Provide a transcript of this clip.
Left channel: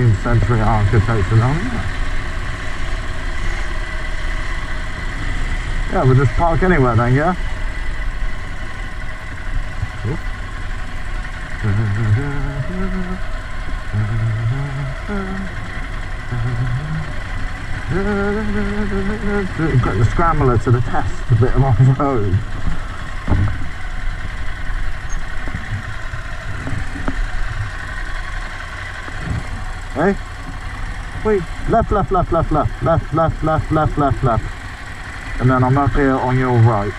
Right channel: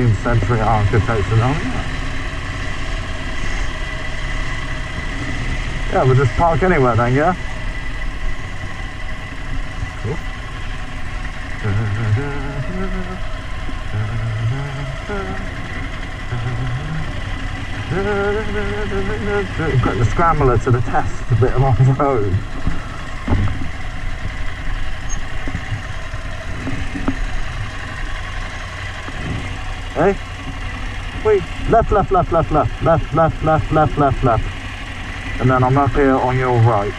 19th century architecture on it. Yeah, we'll just park anywhere then, yeah? Get the scrambler to the test a bit of off-road. Hey? Wait, left. And then I'm up here on your right.